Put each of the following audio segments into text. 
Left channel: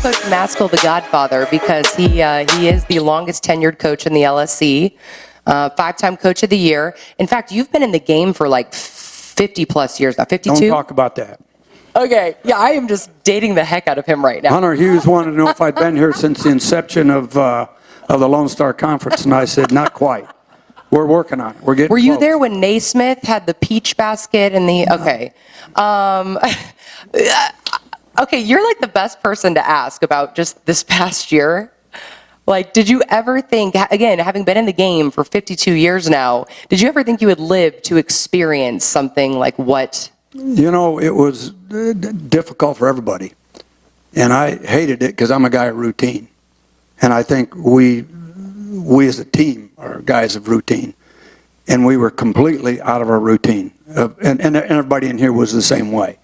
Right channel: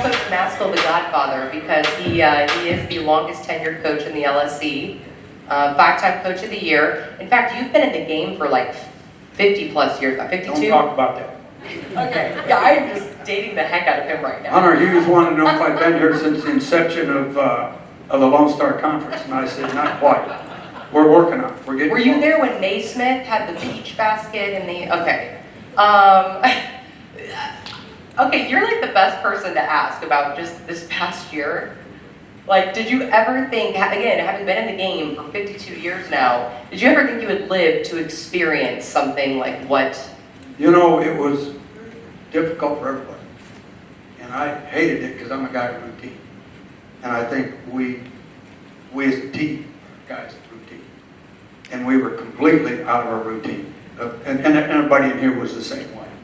Coach Maskill the Godfather because he is the longest tenured coach in the LSC, five-time Coach of the Year. In fact, you've been in the game for like 50 plus years now, 52? Don't talk about that. Okay, yeah, I am just dating the heck out of him right now. Hunter Hughes wanted to know if I'd been here since the inception of the Lone Star Conference, and I said, not quite. We're working on it. We're getting Were you close. there when Naismith had the peach basket and the, okay. Okay, you're like the best person to ask about just this past year. Like, did you ever think, again, having been in the game for 52 years now, did you ever think you would live to experience something like what? You know, it was difficult for everybody. And I hated it because I'm a guy of routine. And I think we as a team are guys of routine. And we were completely out of our routine. And everybody in here was the same way.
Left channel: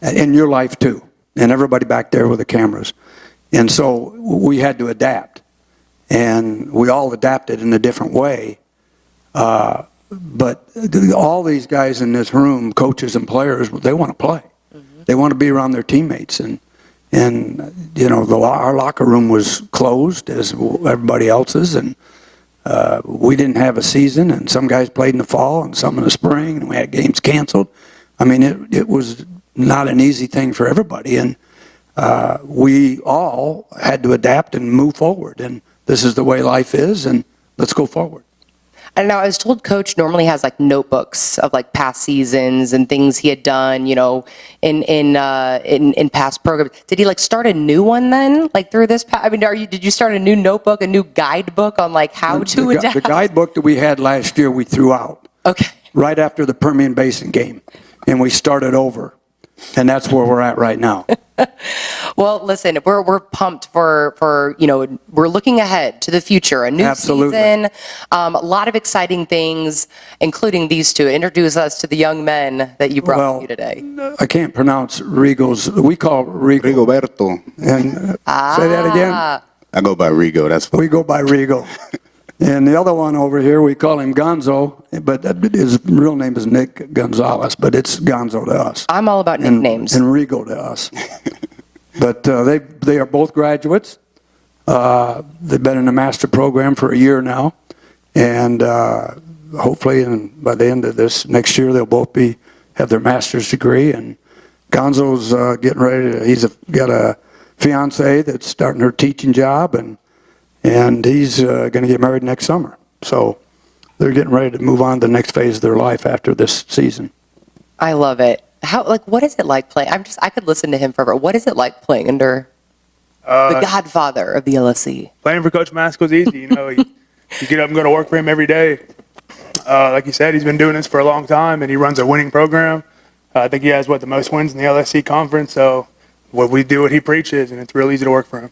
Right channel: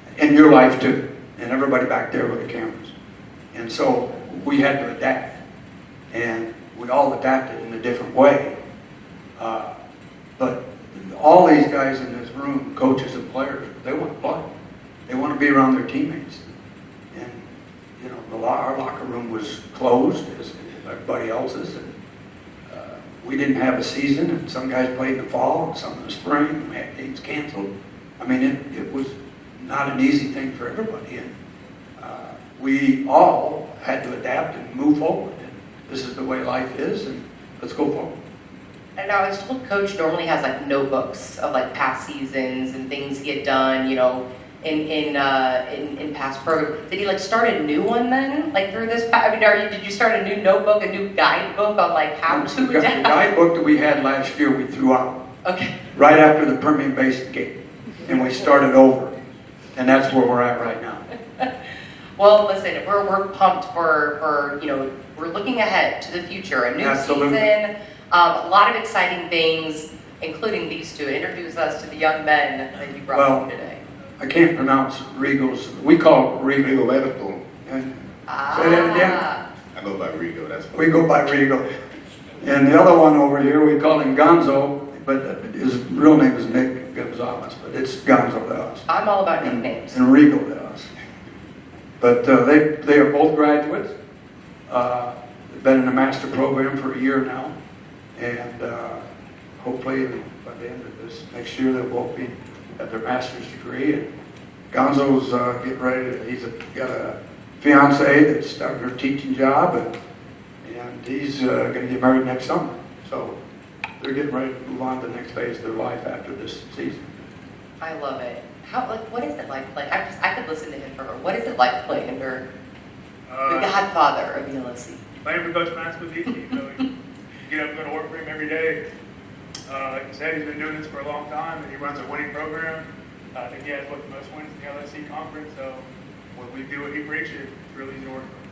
In your life, too. And everybody back there with the cameras. And so we had to adapt. And we all adapted in a different way. But all these guys in this room, coaches and players, they want to play. They want to be around their teammates. And you know, our locker room was closed as everybody else's. And we didn't have a season. And some guys played in the fall and some in the spring. And we had games canceled. I mean, it was not an easy thing for everybody. And we all had to adapt and move forward. And this is the way life is. And let's go forward. I don't know, I was told Coach normally has like notebooks of like past seasons and things he had done, you know, in past programs. Did he like start a new one then, like through this? I mean, did you start a new notebook, a new guidebook on like how to adapt? The guidebook that we had last year, we threw out. Okay. Right after the Permian Basin game, and we started over, and that's where we're at right now. Well, listen, we're pumped for you know, we're looking ahead to the future, a new Absolutely. season, a lot of exciting things, including these two. Introduce us to the young men that you brought with you today. I can't pronounce Rigo's. We call Rigo. Rigoberto. And say that again. I go by Rigo. That's fine. We go by Rigo. And the other one over here, we call him Gonzo, but his real name is Nick Gonzalez, but it's Gonzo to us. I'm all about nicknames. And Rigo to us. But they are both graduates. They've been in the master program for a year now. And hopefully by the end of this next year, they'll both have their master's degree. And Gonzo's getting ready. He's got a fiance that's starting her teaching job. And he's going to get married next summer. So they're getting ready to move on to the next phase of their life after this season. I love it. What is it like playing? I could listen to him forever. What is it like playing under the godfather of the LSC? Playing for Coach Maskill is easy. You know, you get up and go to work for him every day. Like you said, he's been doing this for a long time, and he runs a winning program. I think he has, the most wins in the LSC conference. So we do what he preaches, and it's real easy to work for him.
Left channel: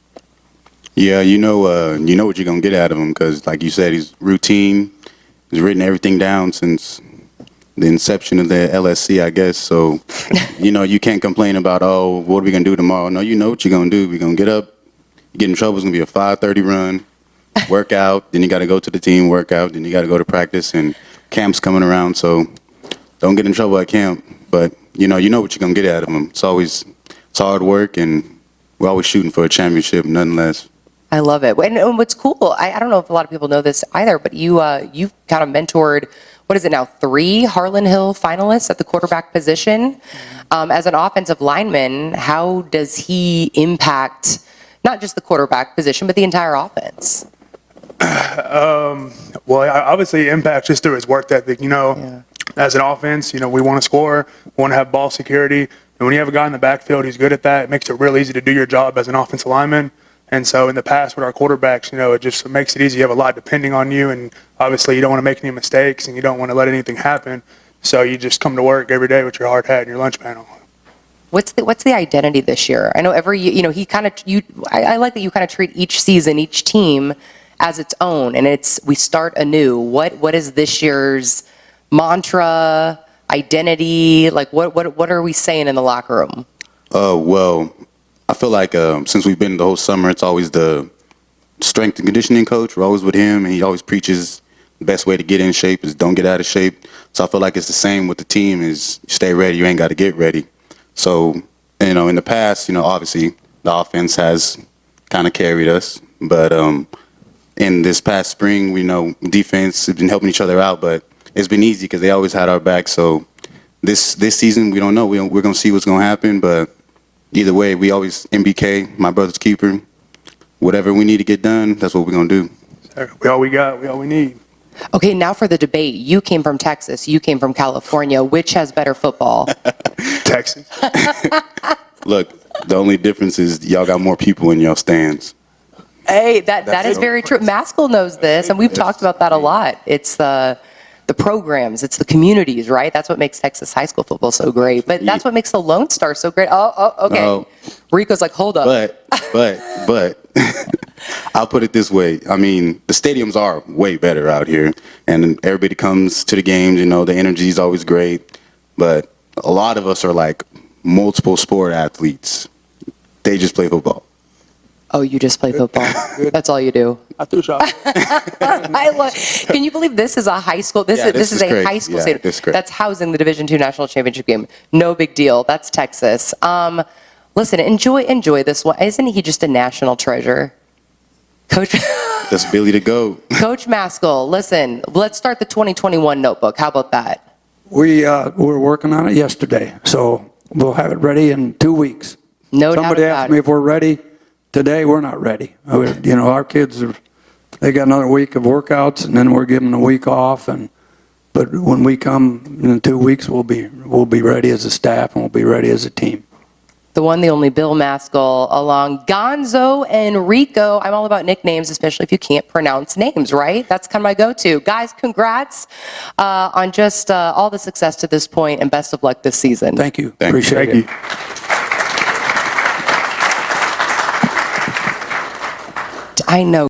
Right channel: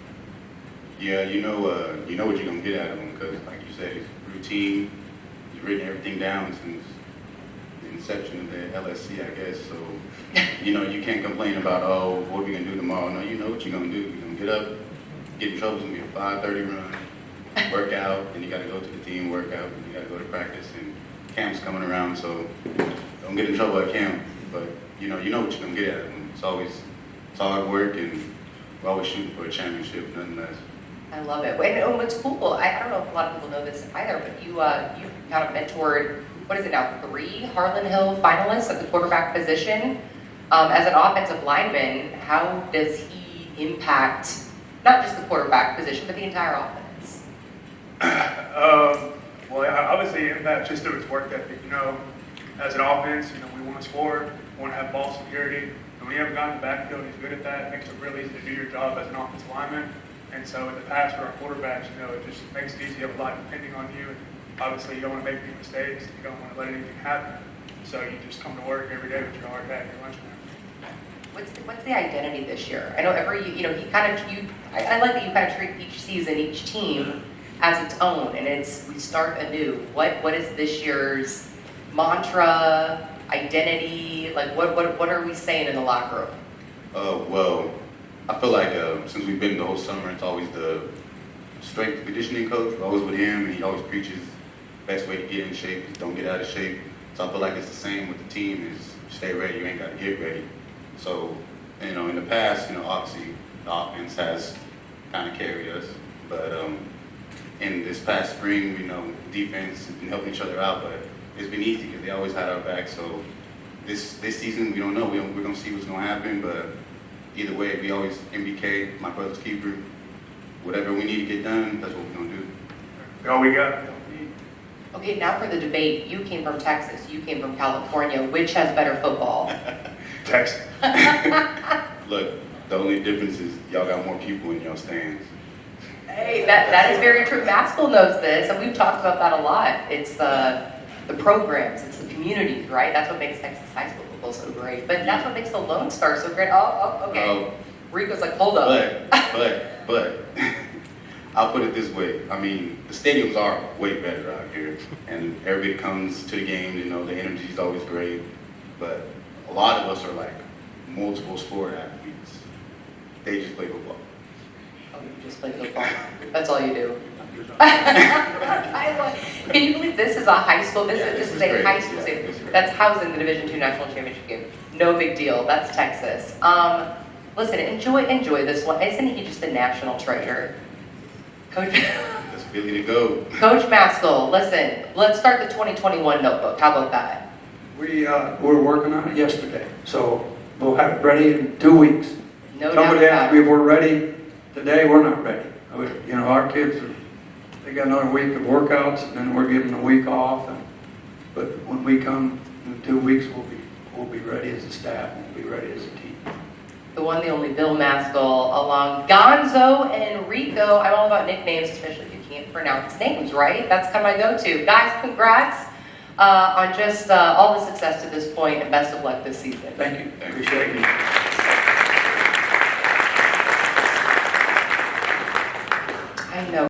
Yeah, you know what you're going to get out of him because, like you said, he's routine. He's written everything down since the inception of the LSC, I guess. So, you know, you can't complain about, what are we going to do tomorrow? No, you know what you're going to do. We're going to get up, get in trouble. It's going to be a 5:30 run, work out. Then you got to go to the team, work out. Then you got to go to practice, and camp's coming around. So don't get in trouble at camp. But, you know what you're going to get out of them. It's hard work, and we're always shooting for a championship, nothing less. I love it. And what's cool, I don't know if a lot of people know this either, but you've kind of mentored, what is it now, 3 Harlan Hill finalists at the quarterback position. As an offensive lineman, how does he impact not just the quarterback position, but the entire offense? Well, obviously, impacts just through his work ethic. You know, as an offense, you know, we want to score, we want to have ball security. And when you have a guy in the backfield who's good at that, it makes it real easy to do your job as an offensive lineman. And so in the past with our quarterbacks, you know, it just makes it easy. You have a lot depending on you, and obviously you don't want to make any mistakes and you don't want to let anything happen. So you just come to work every day with your hard hat and your lunch panel. What's the identity this year? I know every, you know, I like that you kind of treat each season, each team as its own, and we start anew. What is this year's mantra, identity? Like what are we saying in the locker room? Well, I feel like since we've been the whole summer, it's always the strength and conditioning coach. We're always with him, and he always preaches the best way to get in shape is don't get out of shape. So I feel like it's the same with the team is stay ready. You ain't got to get ready. So, you know, in the past, you know, obviously the offense has kind of carried us. But in this past spring, we know defense has been helping each other out, but it's been easy because they always had our back. So this season, we don't know. We're going to see what's going to happen, but either way, we always, MBK, my brother's keeper, whatever we need to get done, that's what we're going to do. We all we got, we all we need. Okay, now for the debate. You came from Texas. You came from California. Which has better football? Texas. Look, the only difference is y'all got more people in y'all stands. Hey, that is very true. Maskill knows this, and we've talked about that a lot. It's the programs, it's the communities, right? That's what makes Texas high school football so great. But that's what makes the Lone Star so great. Okay. No. Rico's like, hold up. But I'll put it this way. I mean, the stadiums are way better out here, and everybody comes to the games. You know, the energy is always great. But a lot of us are like multiple sport athletes. They just play football. Oh, you just play football. That's all you do. I threw shots. Can you believe this is a high school? This is a great. high school Yeah, stadium this is great. that's housing the Division II National Championship game. No big deal. That's Texas. Listen, enjoy this one. Isn't he just a national treasure? Coach That's Billy to go. Coach Maskill, listen, let's start the 2021 notebook. How about that? We were working on it yesterday, so we'll have it ready in 2 weeks. No doubt Somebody about asked me it. if we're ready. Today, we're not ready. You know, our kids they got another week of workouts, and then we're giving a week off. But when we come in 2 weeks, we'll be ready as a staff, and we'll be ready as a team. The one, the only Bill Maskill, along Gonzo and Rico. I'm all about nicknames, especially if you can't pronounce names, right? That's kind of my go-to. Guys, congrats on just all the success to this point, and best of luck this season. Thank you. Thank you. Appreciate Thank it. you. I know.